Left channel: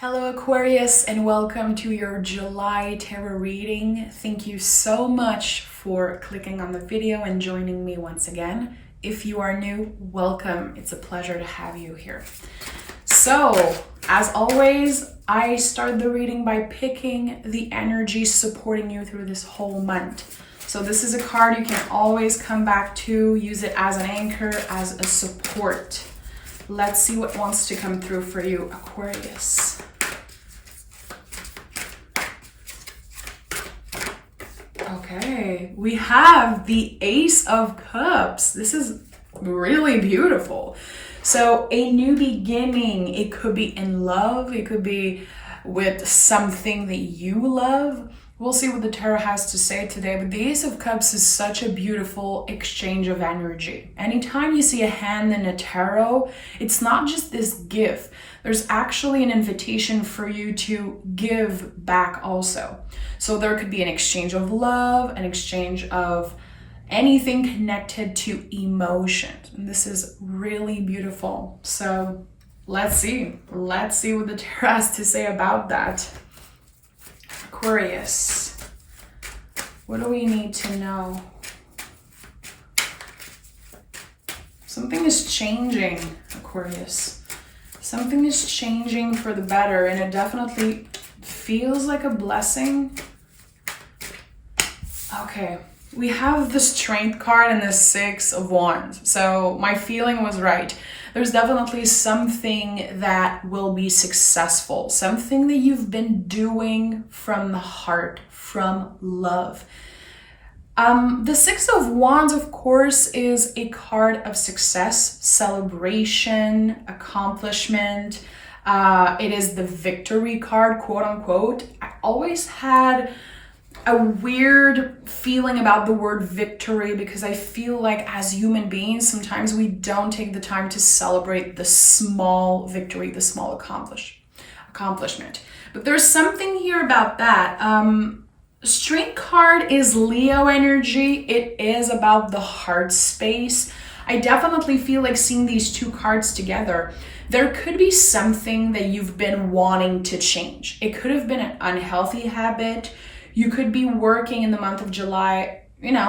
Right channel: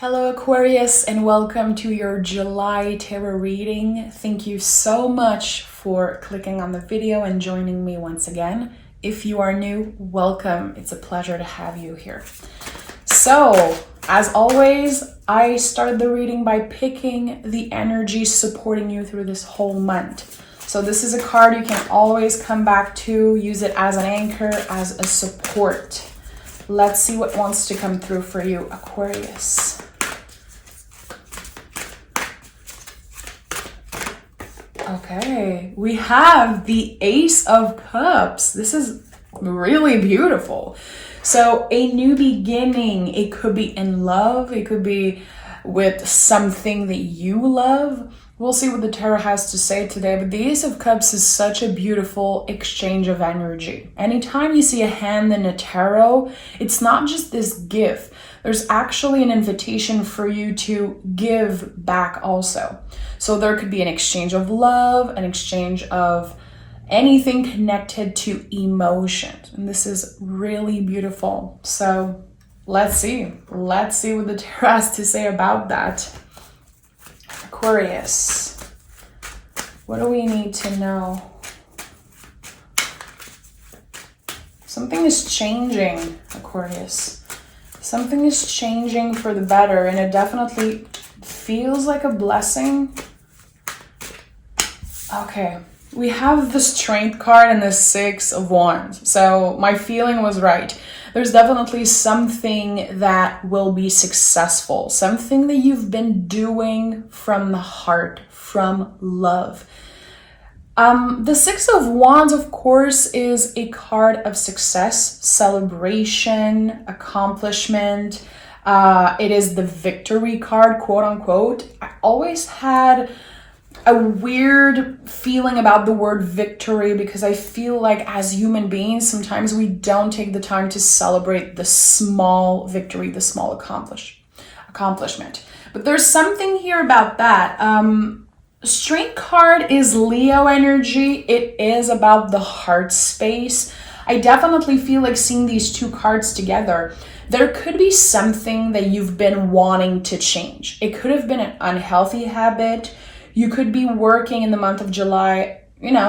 Hello Aquarius, and welcome to your July tarot reading. Thank you so much for clicking on the video and joining me once again. If you are new, welcome. It's a pleasure to have you here. So, as always, I start the reading by picking the energy supporting you through this whole month. So this is a card you can always come back to, use it as an anchor, as a support. Let's see what wants to come through for you, Aquarius. Okay, we have the Ace of Cups. This is really beautiful. So a new beginning, it could be in love, it could be with something that you love. We'll see what the tarot has to say today, but the Ace of Cups is such a beautiful exchange of energy. Anytime you see a hand in a tarot, it's not just this gift. There's actually an invitation for you to give back also. So there could be an exchange of love, an exchange of anything connected to emotions. And this is really beautiful. So let's see. Let's see what the tarot has to say about that. Aquarius, what do we need to know? Something is changing, Aquarius. Something is changing for the better, and it definitely feels like a blessing. Okay, we have the Strength card and the Six of Wands. So my feeling was right. There's definitely something that will be successful, something that you've been doing from the heart, from love. The Six of Wands, of course, is a card of success, celebration, accomplishment. It is the victory card, quote unquote. I always had a weird feeling about the word victory because I feel like as human beings, sometimes we don't take the time to celebrate the small victory, the small accomplishment. But there's something here about that. Strength card is Leo energy. It is about the heart space. I definitely feel like seeing these two cards together, there could be something that you've been wanting to change. It could have been an unhealthy habit. You could be working in the month of July,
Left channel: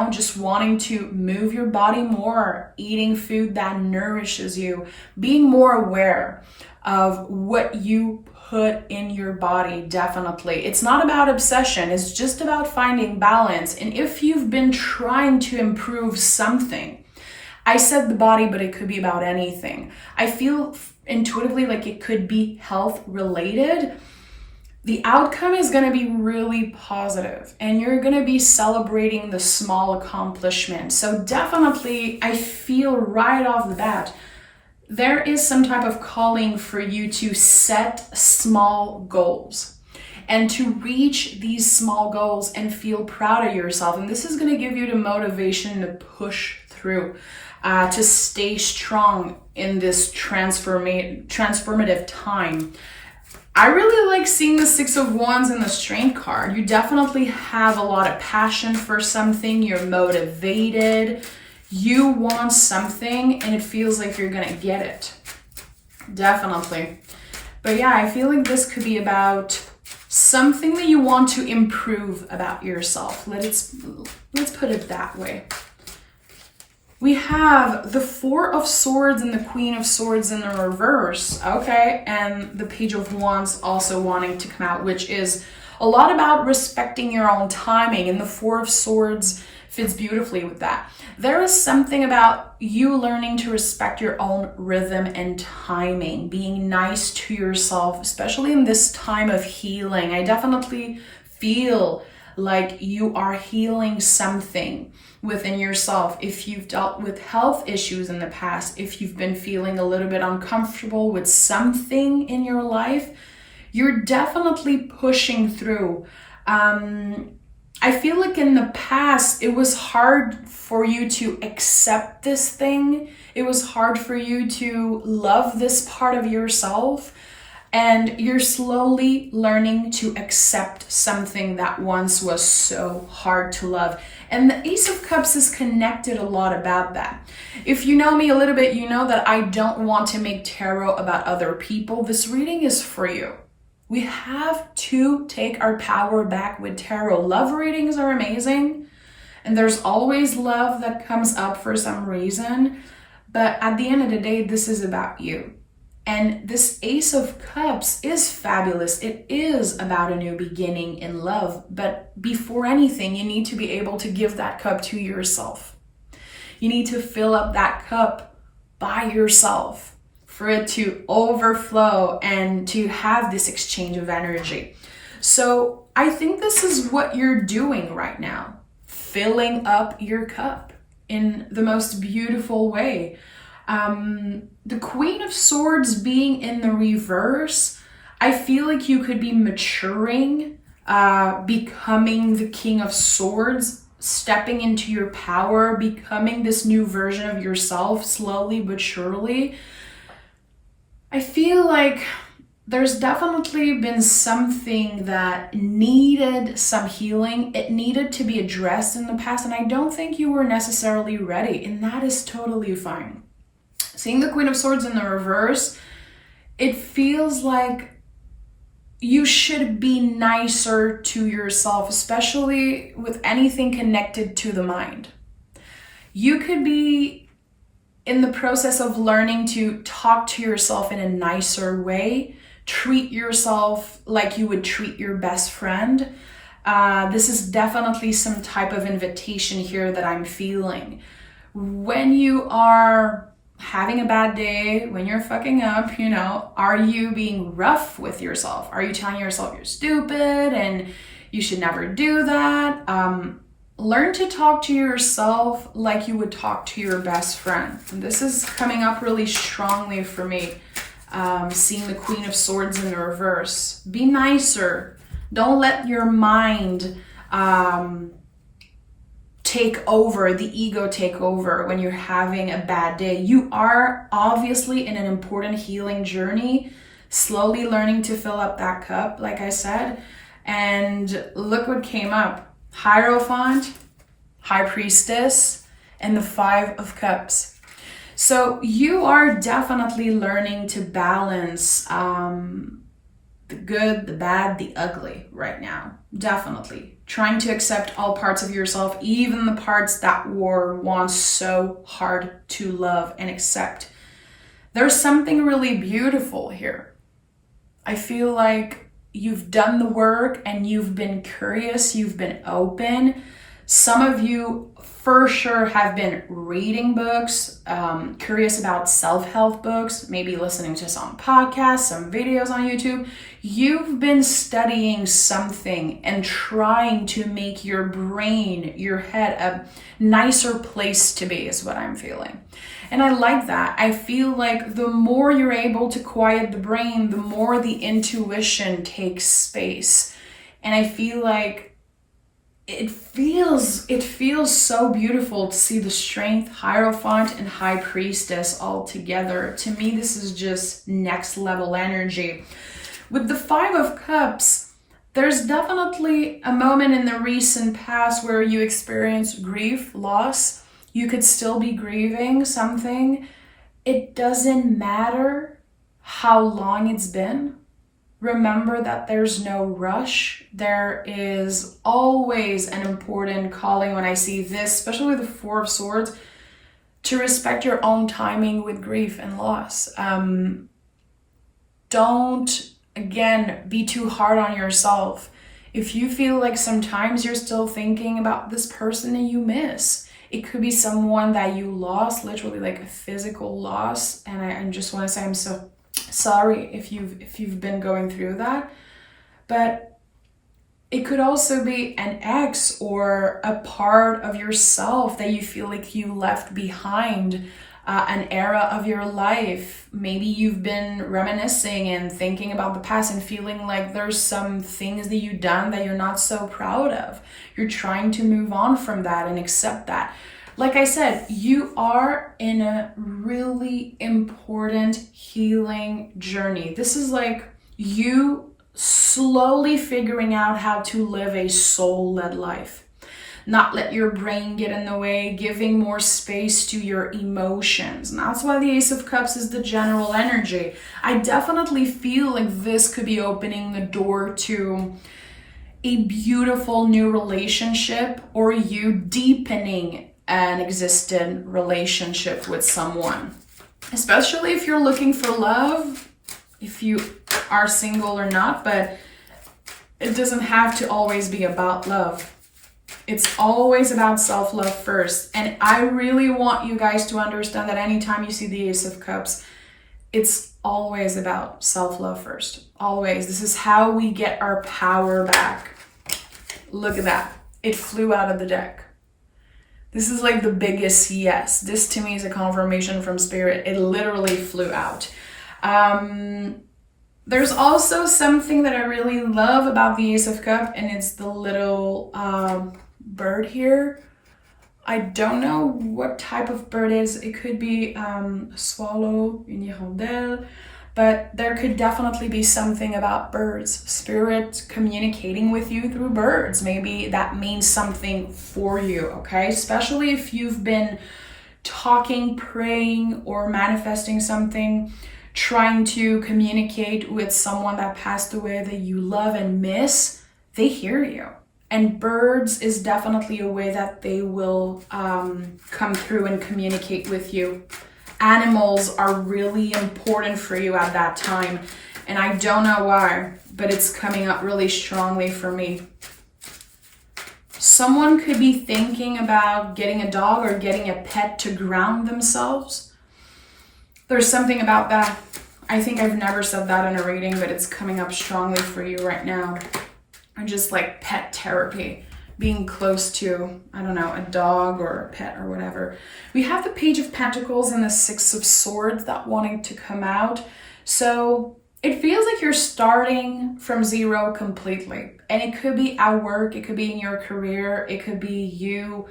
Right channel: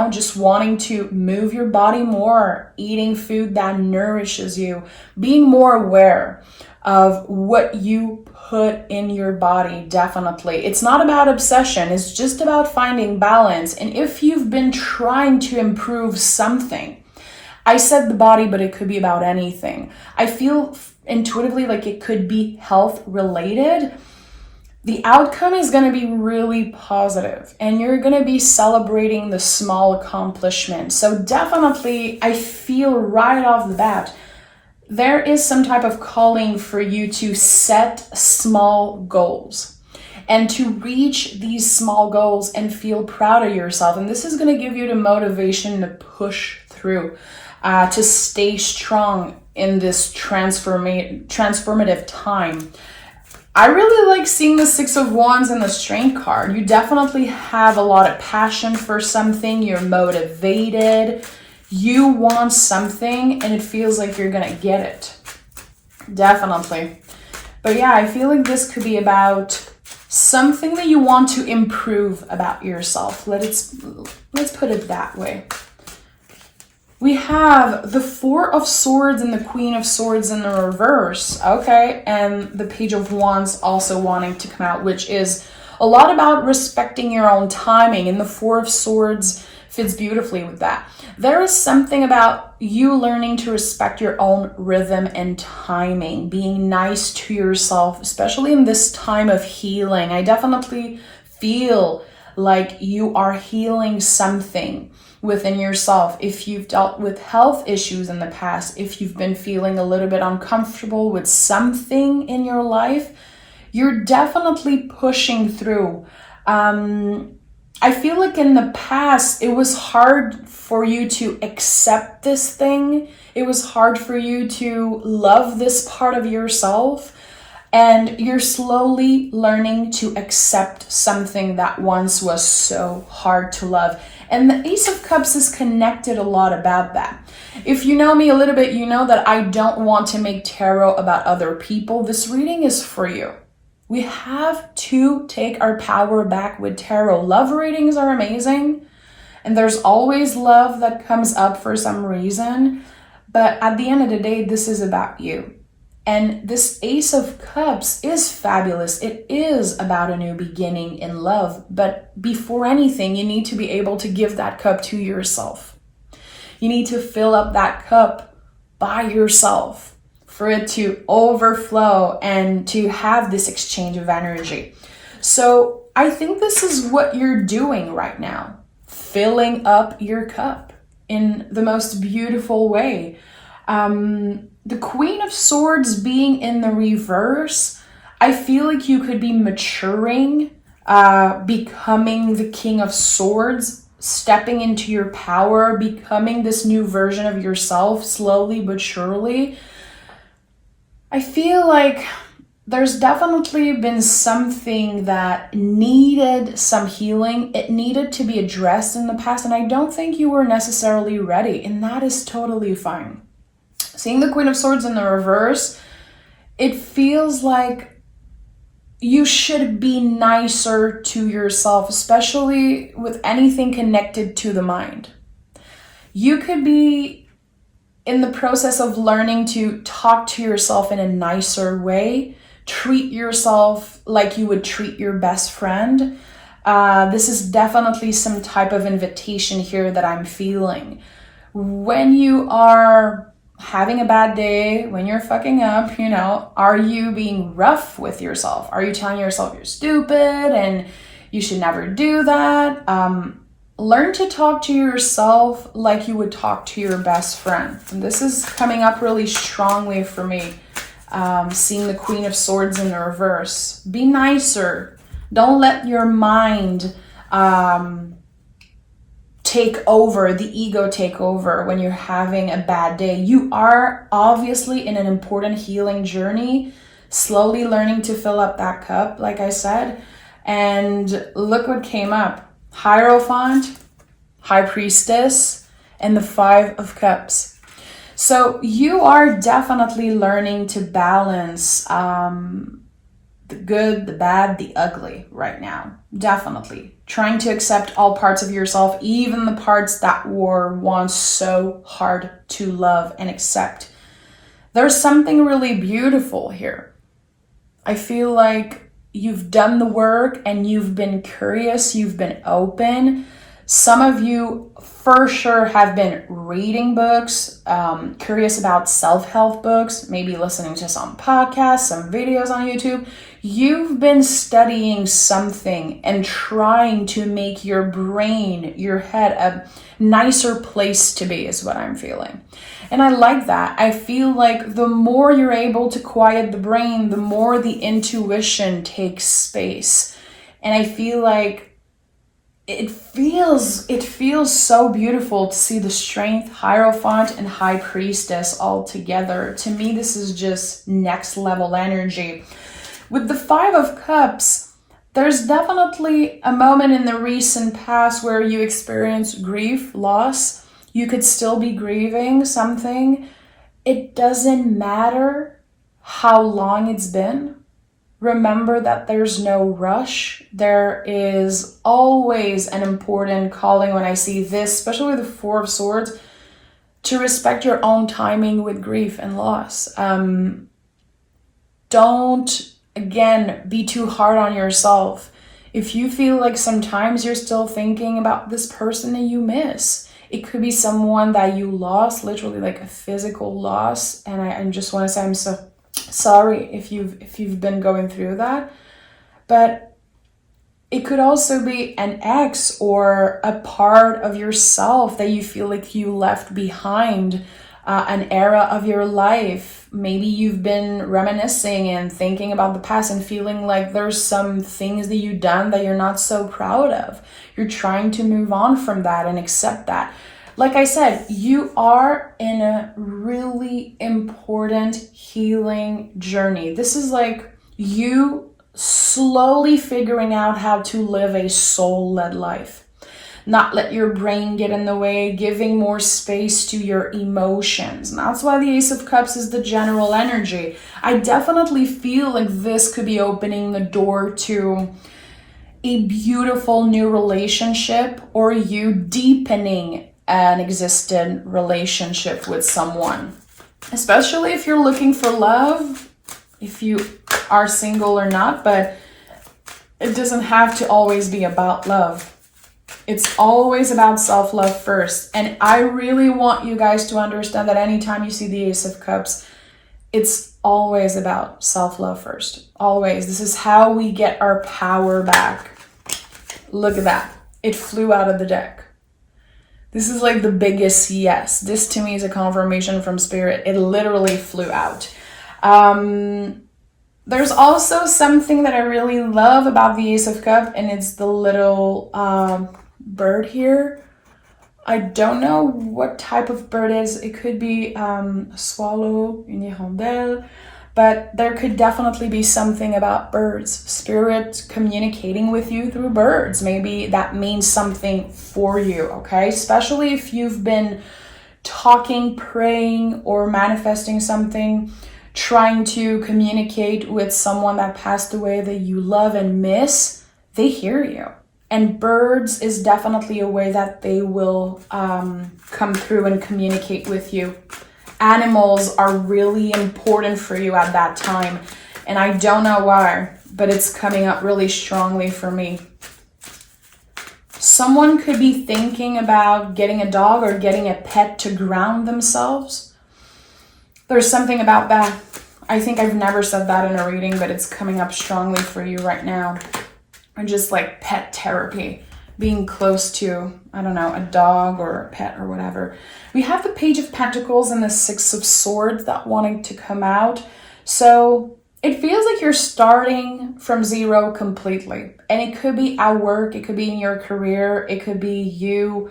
just wanting to move your body more, eating food that nourishes you, being more aware of what you put in your body, definitely. It's not about obsession, it's just about finding balance. And if you've been trying to improve something, I said the body, but it could be about anything. I feel intuitively like it could be health related. The outcome is going to be really positive and you're going to be celebrating the small accomplishments. So definitely, I feel right off the bat, there is some type of calling for you to set small goals and to reach these small goals and feel proud of yourself. And this is going to give you the motivation to push through, to stay strong in this transformative time. I really like seeing the Six of Wands and the Strength card. You definitely have a lot of passion for something. You're motivated. You want something and it feels like you're gonna get it. Definitely. But yeah, I feel like this could be about something that you want to improve about yourself. Let's put it that way. We have the Four of Swords and the Queen of Swords in the reverse, okay? And the Page of Wands also wanting to come out, which is a lot about respecting your own timing. And the Four of Swords fits beautifully with that. There is something about you learning to respect your own rhythm and timing, being nice to yourself, especially in this time of healing. I definitely feel like you are healing something within yourself. If you've dealt with health issues in the past, if you've been feeling a little bit uncomfortable with something in your life, you're definitely pushing through. I feel like in the past, it was hard for you to accept this thing. It was hard for you to love this part of yourself. And you're slowly learning to accept something that once was so hard to love. And the Ace of Cups is connected a lot about that. If you know me a little bit, you know that I don't want to make tarot about other people. This reading is for you. We have to take our power back with tarot. Love readings are amazing, and there's always love that comes up for some reason. But at the end of the day, this is about you. And this Ace of Cups is fabulous. It is about a new beginning in love. But before anything, you need to be able to give that cup to yourself. You need to fill up that cup by yourself for it to overflow and to have this exchange of energy. So I think this is what you're doing right now. Filling up your cup in the most beautiful way. The Queen of Swords being in the reverse, I feel like you could be maturing, becoming the King of Swords, stepping into your power, becoming this new version of yourself slowly but surely. I feel like there's definitely been something that needed some healing. It needed to be addressed in the past, and I don't think you were necessarily ready, and that is totally fine. Seeing the Queen of Swords in the reverse, it feels like you should be nicer to yourself, especially with anything connected to the mind. You could be in the process of learning to talk to yourself in a nicer way, treat yourself like you would treat your best friend. This is definitely some type of invitation here that I'm feeling. When you are having a bad day, when you're fucking up, are you being rough with yourself? Are you telling yourself you're stupid and you should never do that? Learn to talk to yourself like you would talk to your best friend. And this is coming up really strongly for me, seeing the Queen of Swords in the reverse. Be nicer. Don't let your mind take over, the ego take over when you're having a bad day. You are obviously in an important healing journey, slowly learning to fill up that cup, like I said. And look what came up. Hierophant, High Priestess, and the Five of Cups. So you are definitely learning to balance the good, the bad, the ugly right now. Definitely. Trying to accept all parts of yourself, even the parts that were once so hard to love and accept. There's something really beautiful here. I feel like you've done the work and you've been curious, you've been open. Some of you for sure have been reading books, curious about self-help books, maybe listening to some podcasts, some videos on YouTube. You've been studying something and trying to make your brain, your head, a nicer place to be is what I'm feeling. And I like that. I feel like the more you're able to quiet the brain, the more the intuition takes space. And I feel like it feels so beautiful to see the Strength, Hierophant, and High Priestess all together. To me, this is just next level energy. With the Five of Cups, there's definitely a moment in the recent past where you experienced grief, loss. You could still be grieving something. It doesn't matter how long it's been. Remember that there's no rush. There is always an important calling when I see this, especially with the Four of Swords, to respect your own timing with grief and loss. Don't, again, be too hard on yourself. If you feel like sometimes you're still thinking about this person that you miss, it could be someone that you lost, literally like a physical loss. And I just want to say I'm so sorry if you've been going through that. But it could also be an ex or a part of yourself that you feel like you left behind, an era of your life. Maybe you've been reminiscing and thinking about the past and feeling like there's some things that you've done that you're not so proud of. You're trying to move on from that and accept that. Like I said, you are in a really important healing journey. This is like you slowly figuring out how to live a soul-led life. not let your brain get in the way, giving more space to your emotions. And that's why the Ace of Cups is the general energy. I definitely feel like this could be opening the door to a beautiful new relationship, or you deepening an existing relationship with someone. Especially if you're looking for love, if you are single or not, but it doesn't have to always be about love. It's always about self-love first. And I really want you guys to understand that anytime you see the Ace of Cups, it's always about self-love first. Always. This is how we get our power back. Look at that. It flew out of the deck. This is like the biggest yes. This to me is a confirmation from Spirit. It literally flew out. There's also something that I really love about the Ace of Cups, and it's the little bird here. I don't know what type of bird it is. It could be a swallow, une hirondelle, but there could definitely be something about birds. Spirit communicating with you through birds. Maybe that means something for you, okay? Especially if you've been talking, praying, or manifesting something, trying to communicate with someone that passed away that you love and miss, they hear you. And birds is definitely a way that they will come through and communicate with you. Animals are really important for you at that time. And I don't know why, but it's coming up really strongly for me. Someone could be thinking about getting a dog or getting a pet to ground themselves. There's something about that. I think I've never said that in a reading, but it's coming up strongly for you right now. Or just like pet therapy, being close to, I don't know, a dog or a pet or whatever. We have the Page of Pentacles and the Six of Swords that wanting to come out. So it feels like you're starting from zero completely. And it could be at work, it could be in your career, it could be you,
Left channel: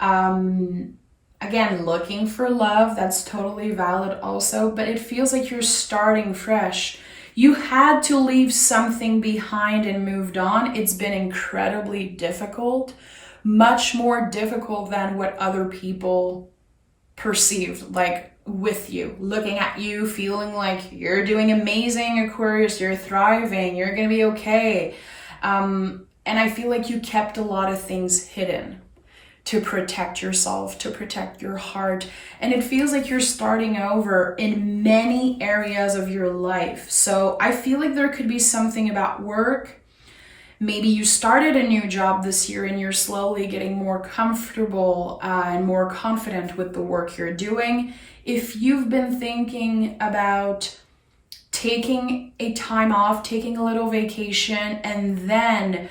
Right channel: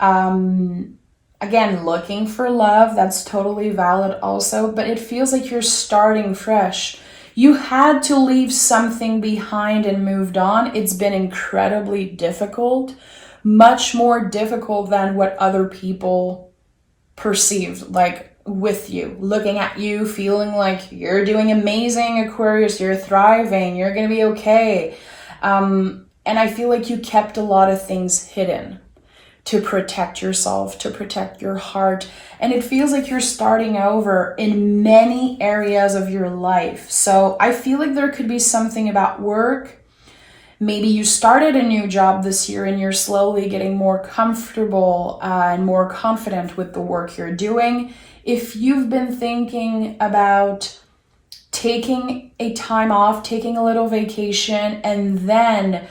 again, looking for love. That's totally valid also, but it feels like you're starting fresh. You had to leave something behind and moved on. It's been incredibly difficult, much more difficult than what other people perceived, like with you, looking at you, feeling like you're doing amazing, Aquarius, you're thriving, you're going to be okay. And I feel like you kept a lot of things hidden to protect yourself, to protect your heart. And it feels like you're starting over in many areas of your life. So I feel like there could be something about work. Maybe you started a new job this year and you're slowly getting more comfortable and more confident with the work you're doing. If you've been thinking about taking a time off, taking a little vacation, and then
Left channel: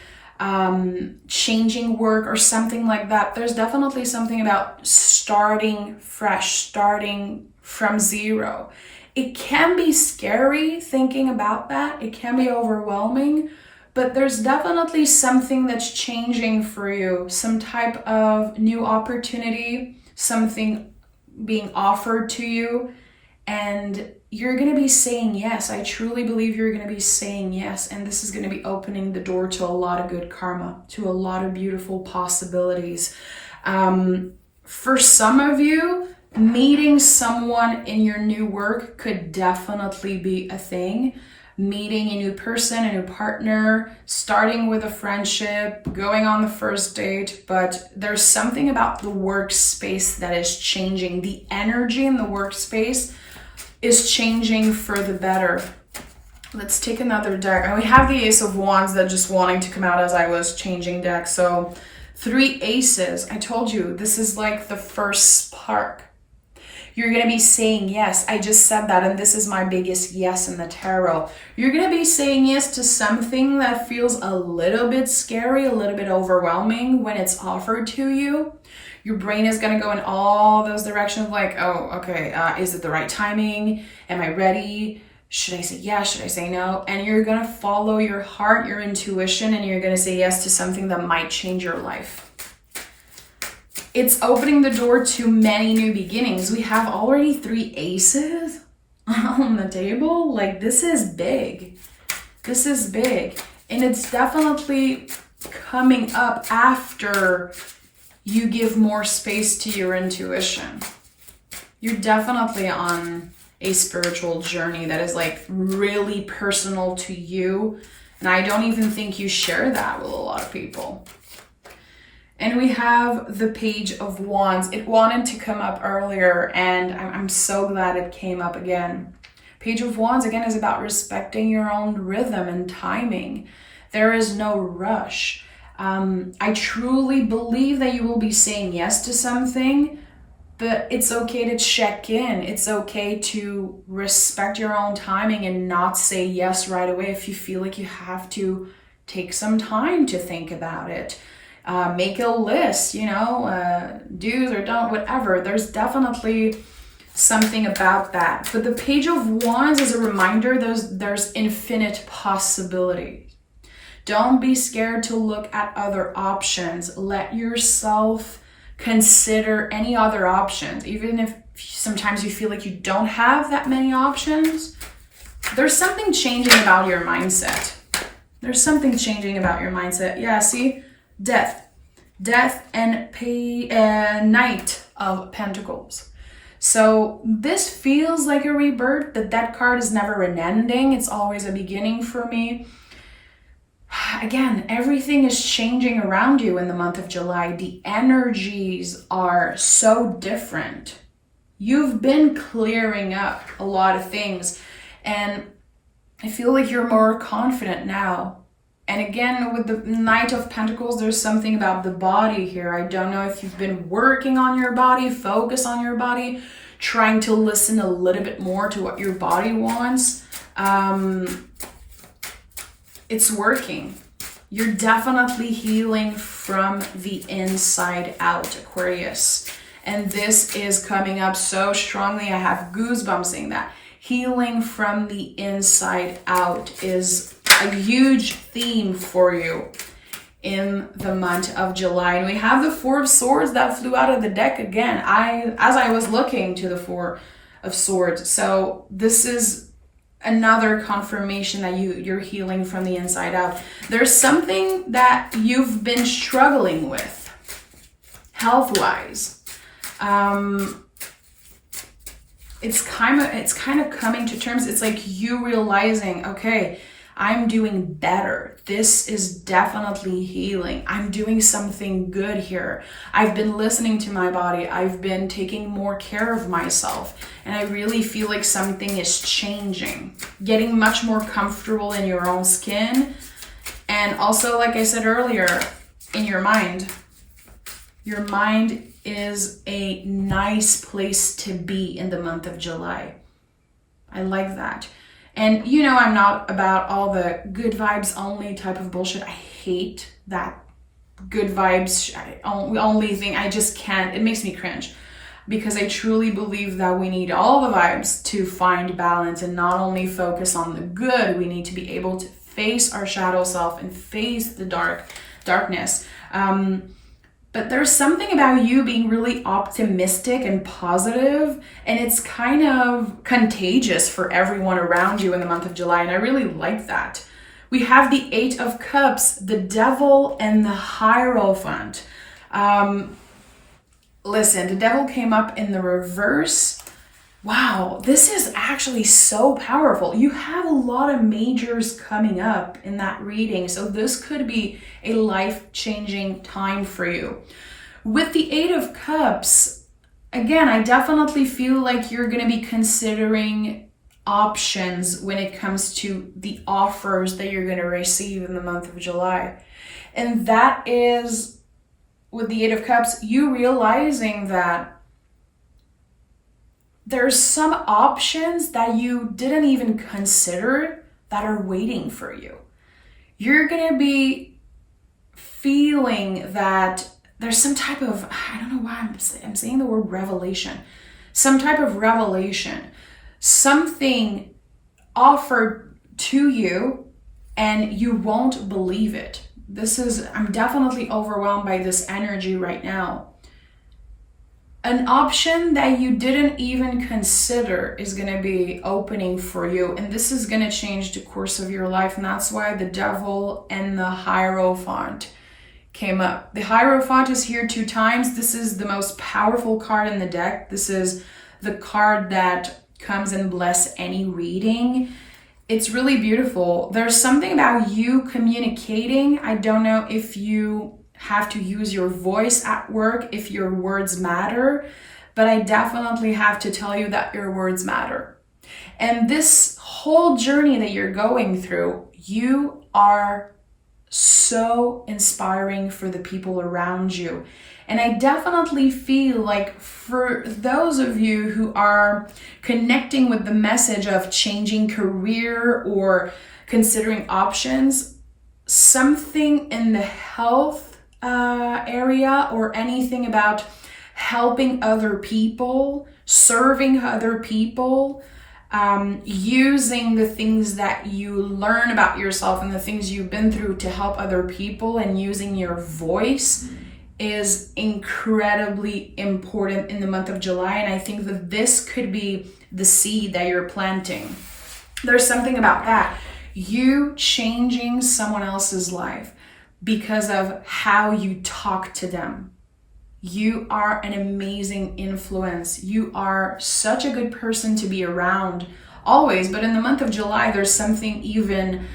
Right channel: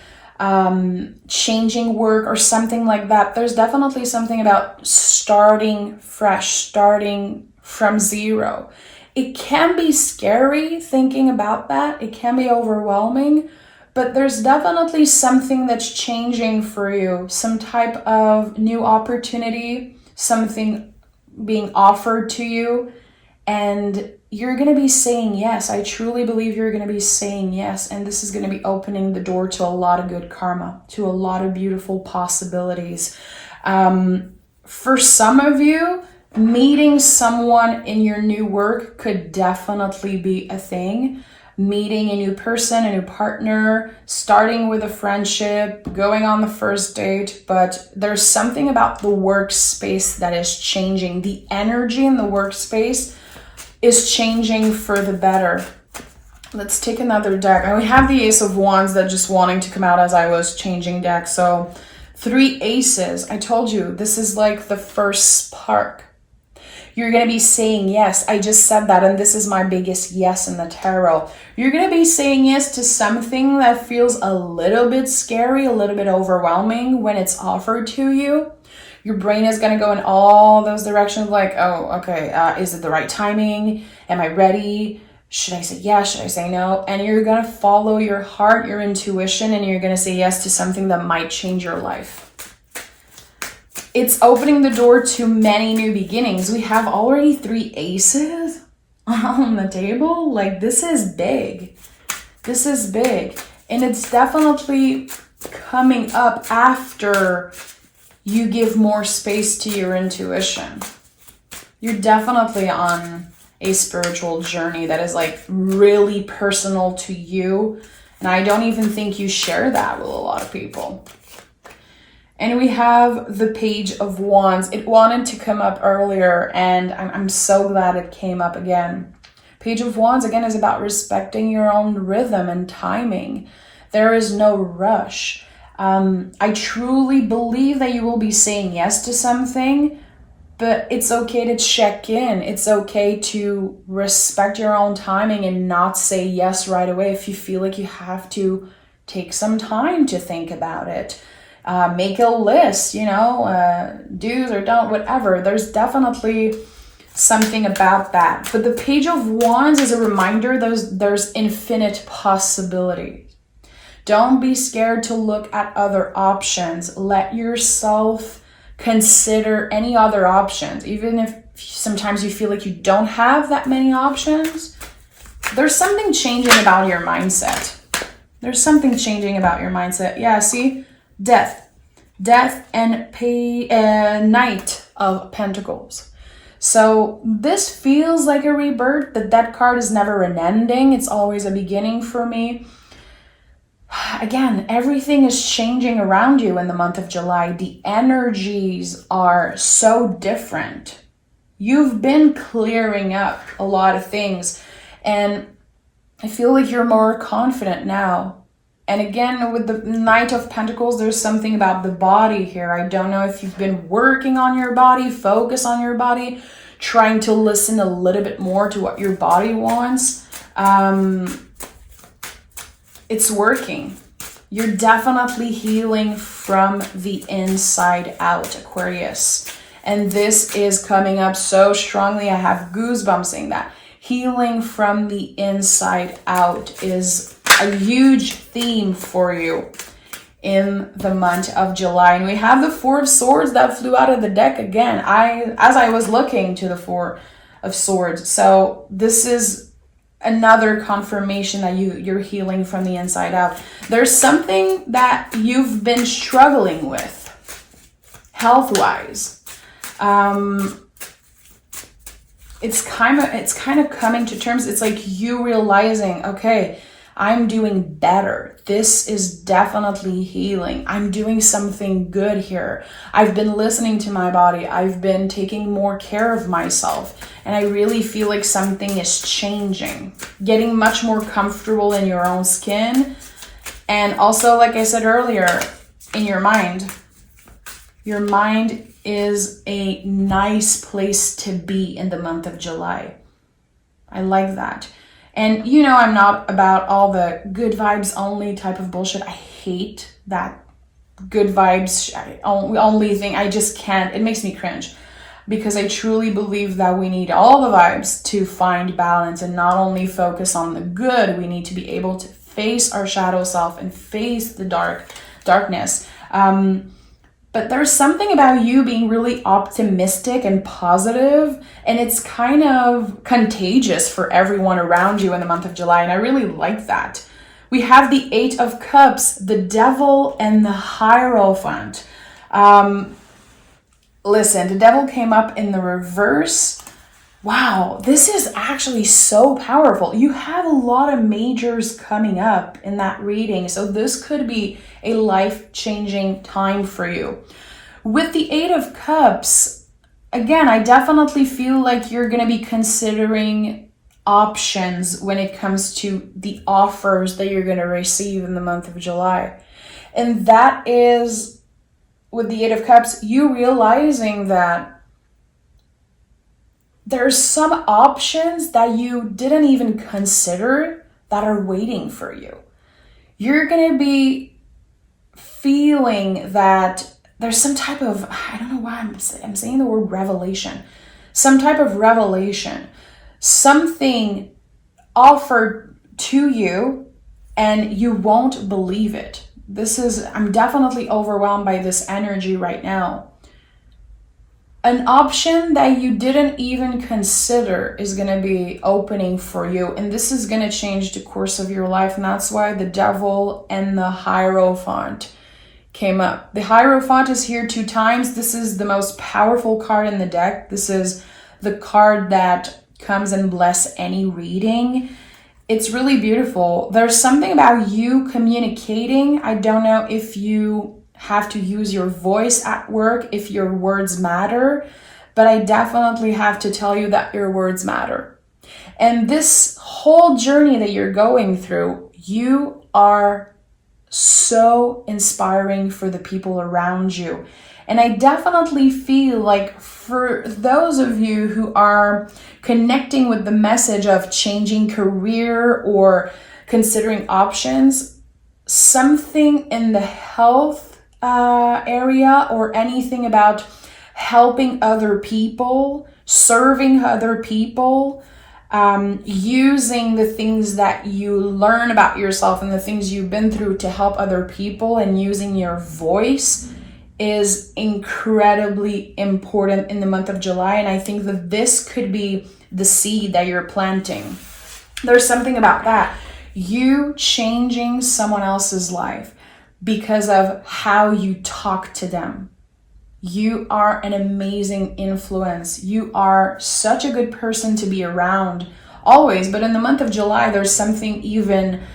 changing work or something like that, there's definitely something about starting fresh, starting from zero. It can be scary thinking about that. It can be overwhelming, but there's definitely something that's changing for you, some type of new opportunity, something being offered to you, and you're going to be saying yes. I truly believe you're going to be saying yes. And this is going to be opening the door to a lot of good karma, to a lot of beautiful possibilities. For some of you, meeting someone in your new work could definitely be a thing. Meeting a new person, a new partner, starting with a friendship, going on the first date. But there's something about the workspace that is changing. The energy in the workspace is changing for the better. Let's take another deck. And we have the Ace of Wands that just wanting to come out as I was changing decks. So 3 aces. I told you, this is like the first spark. You're going to be saying yes. I just said that, and this is my biggest yes in the tarot. You're going to be saying yes to something that feels a little bit scary, a little bit overwhelming when it's offered to you. Your brain is going to go in all those directions like, oh, okay, is it the right timing? Am I ready? Should I say yes? Should I say no? And you're going to follow your heart, your intuition, and you're going to say yes to something that might change your life. It's opening the door to many new beginnings. We have already 3 aces on the table. Like, this is big. This is big. And it's definitely coming up after you give more space to your intuition. You're definitely on a spiritual journey that is like really personal to you. And I don't even think you share that with a lot of people. And we have the Page of Wands. It wanted to come up earlier, and I'm so glad it came up again. Page of Wands, again, is about respecting your own rhythm and timing. There is no rush. I truly believe that you will be saying yes to something, but it's okay to check in. It's okay to respect your own timing and not say yes right away if you feel like you have to take some time to think about it. Make a list, do's or don't, whatever. There's definitely something about that. But the Page of Wands is a reminder there's infinite possibility. Don't be scared to look at other options. Let yourself consider any other options. Even if sometimes you feel like you don't have that many options, there's something changing about your mindset. There's something changing about your mindset. Yeah, see? Death and Knight of Pentacles. So this feels like a rebirth. That card is never an ending. It's always a beginning for me. Again, everything is changing around you in the month of July. The energies are so different. You've been clearing up a lot of things, and I feel like you're more confident now. And again, with the Knight of Pentacles, there's something about the body here. I don't know if you've been working on your body, focus on your body, trying to listen a little bit more to what your body wants. It's working. You're definitely healing from the inside out, Aquarius. And this is coming up so strongly. I have goosebumps saying that. Healing from the inside out is a huge theme for you in the month of July. And we have the Four of Swords that flew out of the deck again. As I was looking to the Four of Swords. So this is another confirmation that you're healing from the inside out. There's something that you've been struggling with health-wise. It's kind of coming to terms. It's like you realizing, okay, I'm doing better. This is definitely healing. I'm doing something good here. I've been listening to my body. I've been taking more care of myself. And I really feel like something is changing. Getting much more comfortable in your own skin. And also, like I said earlier, in your mind. Your mind is a nice place to be in the month of July. I like that. And I'm not about all the good vibes only type of bullshit. I hate that good vibes only thing. I just can't. It makes me cringe because I truly believe that we need all the vibes to find balance and not only focus on the good. We need to be able to face our shadow self and face the darkness. But there's something about you being really optimistic and positive, and it's kind of contagious for everyone around you in the month of July, and I really like that. We have the Eight of Cups, the Devil, and the Hierophant. Listen, the Devil came up in the reverse. Wow, this is actually so powerful. You have a lot of majors coming up in that reading, so this could be a life-changing time for you. With the Eight of Cups, again, I definitely feel like you're going to be considering options when it comes to the offers that you're going to receive in the month of July. And that is, with the Eight of Cups, you realizing that there's some options that you didn't even consider that are waiting for you. You're going to be feeling that there's some type of, I don't know why I'm saying the word revelation, some type of revelation, something offered to you and you won't believe it. I'm definitely overwhelmed by this energy right now. An option that you didn't even consider is going to be opening for you. And this is going to change the course of your life. And that's why the Devil and the Hierophant came up. The Hierophant is here 2 times. This is the most powerful card in the deck. This is the card that comes and bless any reading. It's really beautiful. There's something about you communicating. I don't know if you have to use your voice at work, if your words matter, but I definitely have to tell you that your words matter. And this whole journey that you're going through, you are so inspiring for the people around you. And I definitely feel like for those of you who are connecting with the message of changing career or considering options, something in the health area or anything about helping other people, serving other people, using the things that you learn about yourself and the things you've been through to help other people, and using your voice is incredibly important in the month of July. And I think that this could be the seed that you're planting. There's something about that. You changing someone else's life because of how you talk to them. You are an amazing influence. You are such a good person to be around always. But in the month of July, there's something even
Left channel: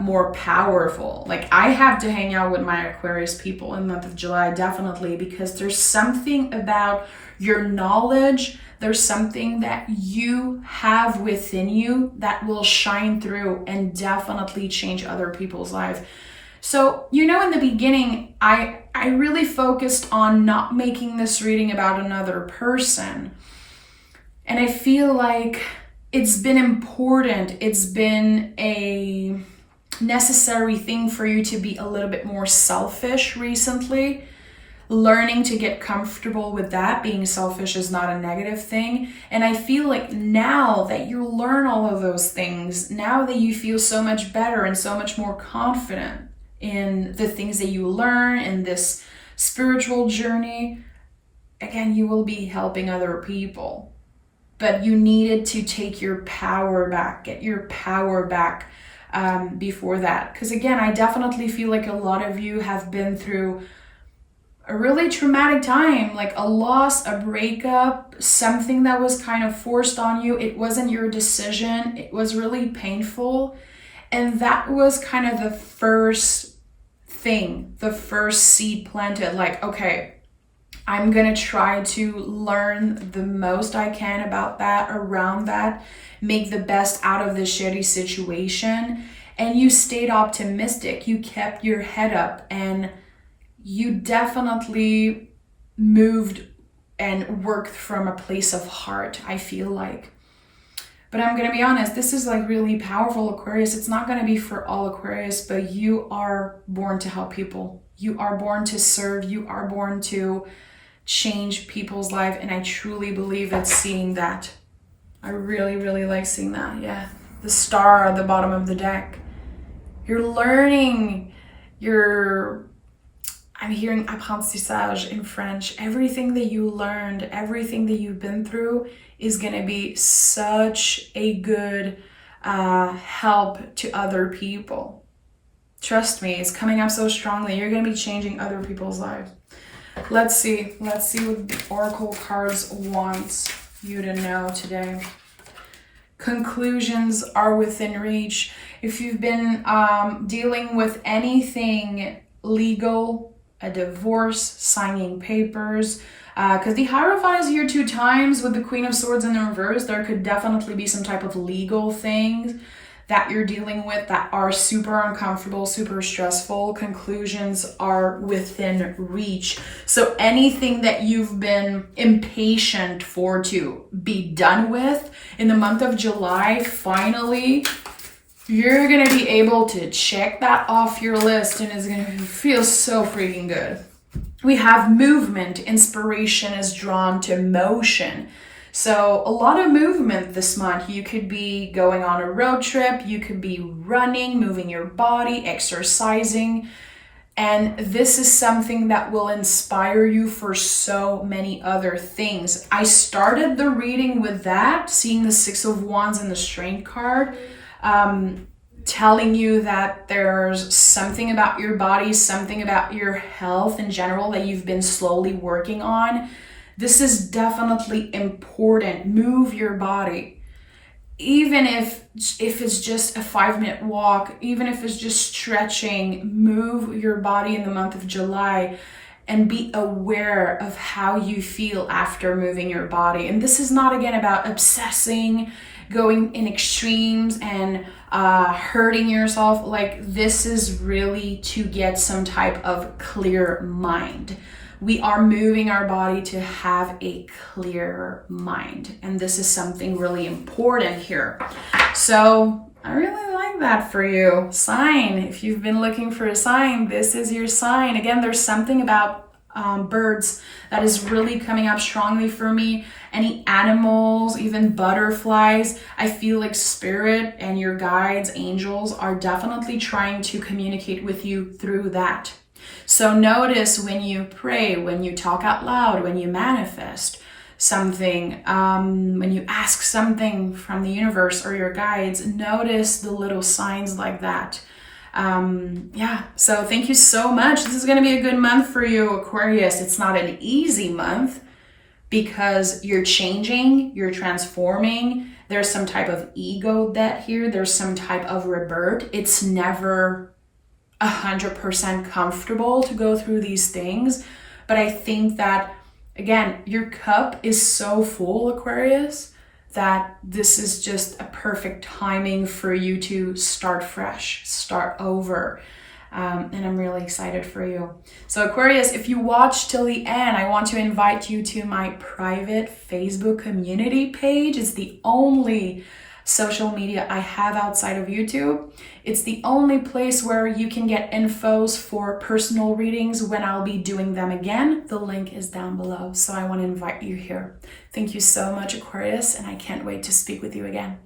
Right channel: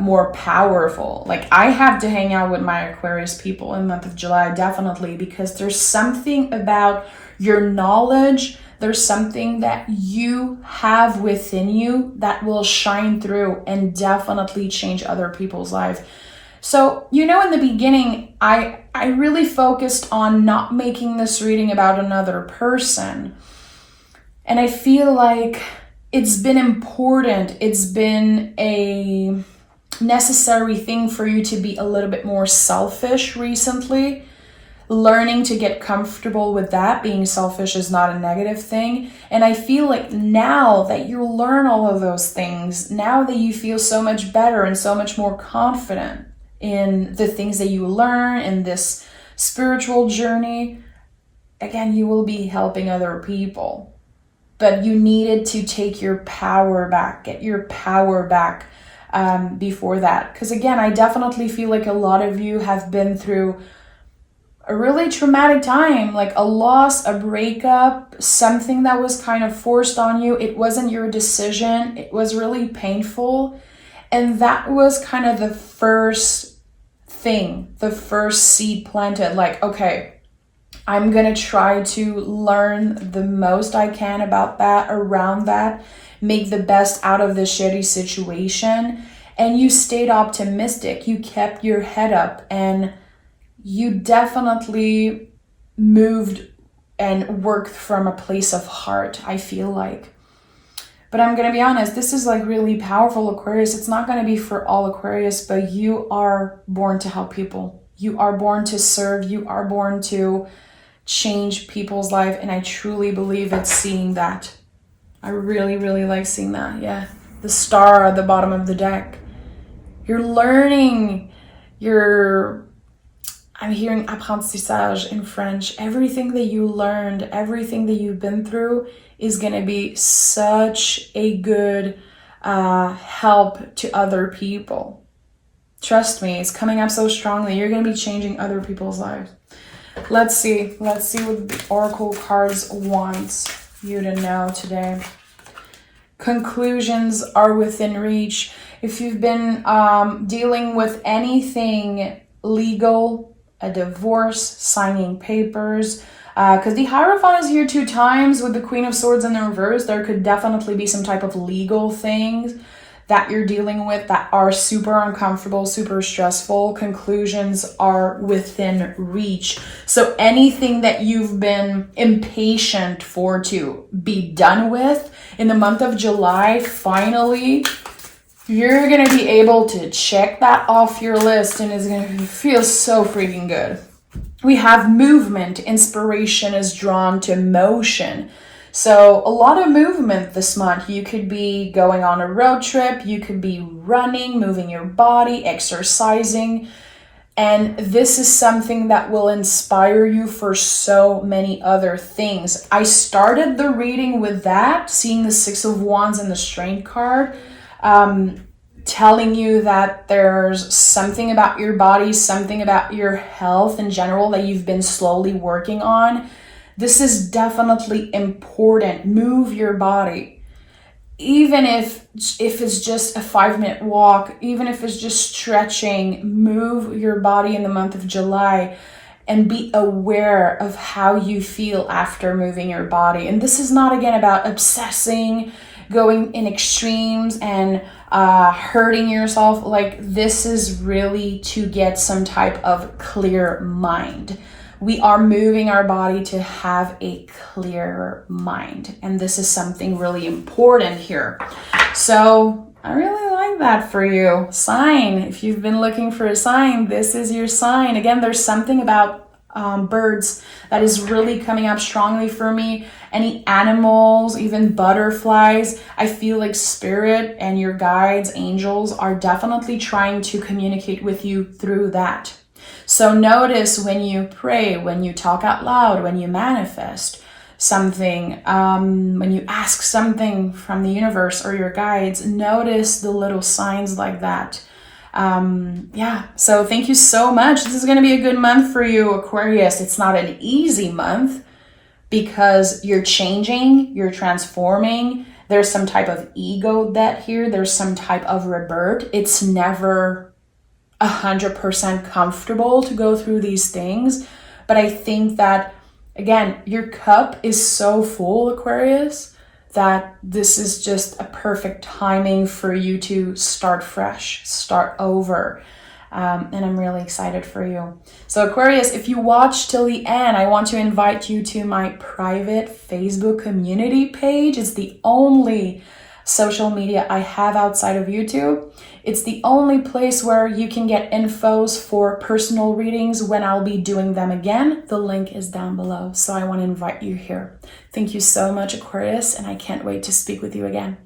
more powerful. Like, I have to hang out with my Aquarius people in the month of July, definitely, because there's something about your knowledge. There's something that you have within you that will shine through and definitely change other people's lives. So, in the beginning, I really focused on not making this reading about another person. And I feel like it's been important. It's been a necessary thing for you to be a little bit more selfish recently. Learning to get comfortable with that. Being selfish is not a negative thing. And I feel like now that you learn all of those things, now that you feel so much better and so much more confident in the things that you learn in this spiritual journey, again, you will be helping other people. But you needed to take your power back, get your power back before that. Because again, I definitely feel like a lot of you have been through a really traumatic time, like a loss, a breakup, something that was kind of forced on you. It wasn't your decision. It was really painful. And that was kind of the first thing, the first seed planted. Like, okay, I'm going to try to learn the most I can about that, around that, make the best out of the shitty situation. And you stayed optimistic. You kept your head up, and you definitely moved and worked from a place of heart, I feel like. But I'm going to be honest, this is like really powerful, Aquarius. It's not going to be for all Aquarius, but you are born to help people. You are born to serve. You are born to change people's life. And I truly believe it's seeing that. I really, really like seeing that. Yeah. The star at the bottom of the deck. You're learning. I'm hearing apprentissage in French. Everything that you learned, everything that you've been through is going to be such a good help to other people. Trust me, it's coming up so strongly. You're going to be changing other people's lives. Let's see what the Oracle cards want you to know today. Conclusions are within reach. If you've been dealing with anything legal, a divorce, signing papers, because the Hierophant is here 2 times with the Queen of Swords in the reverse. There could definitely be some type of legal things that you're dealing with that are super uncomfortable, super stressful. Conclusions are within reach. So anything that you've been impatient for to be done with in the month of July, finally, you're going to be able to check that off your list, and it's going to feel so freaking good. We have movement. Inspiration is drawn to motion. So a lot of movement this month. You could be going on a road trip. You could be running, moving your body, exercising. And this is something that will inspire you for so many other things. I started the reading with that, seeing the 6 of Wands and the Strength card. telling you that there's something about your body, something about your health in general that you've been slowly working on, this is definitely important. Move your body. Even if it's just a 5-minute walk, even if it's just stretching, move your body in the month of July and be aware of how you feel after moving your body. And this is not, again, about obsessing, going in extremes and hurting yourself. Like, this is really to get some type of clear mind. We are moving our body to have a clear mind. And this is something really important here. So I really like that for you. Sign. If you've been looking for a sign, this is your sign. Again, there's something about birds that is really coming up strongly for me. Any animals, even butterflies, I feel like spirit and your guides, angels, are definitely trying to communicate with you through that. So notice when you pray, when you talk out loud, when you manifest something, when you ask something from the universe or your guides, notice the little signs like that. So thank you so much. This is going to be a good month for you, Aquarius. It's not an easy month because you're changing, you're transforming. There's some type of ego debt here. There's some type of rebirth. It's never 100% comfortable to go through these things. But I think that, again, your cup is so full, Aquarius, that this is just a perfect timing for you to start fresh, start over. And I'm really excited for you. So Aquarius, if you watch till the end, I want to invite you to my private Facebook community page. It's the only social media I have outside of YouTube. It's the only place where you can get infos for personal readings when I'll be doing them again. The link is down below. So I want to invite you here. Thank you so much, Aquarius, and I can't wait to speak with you again.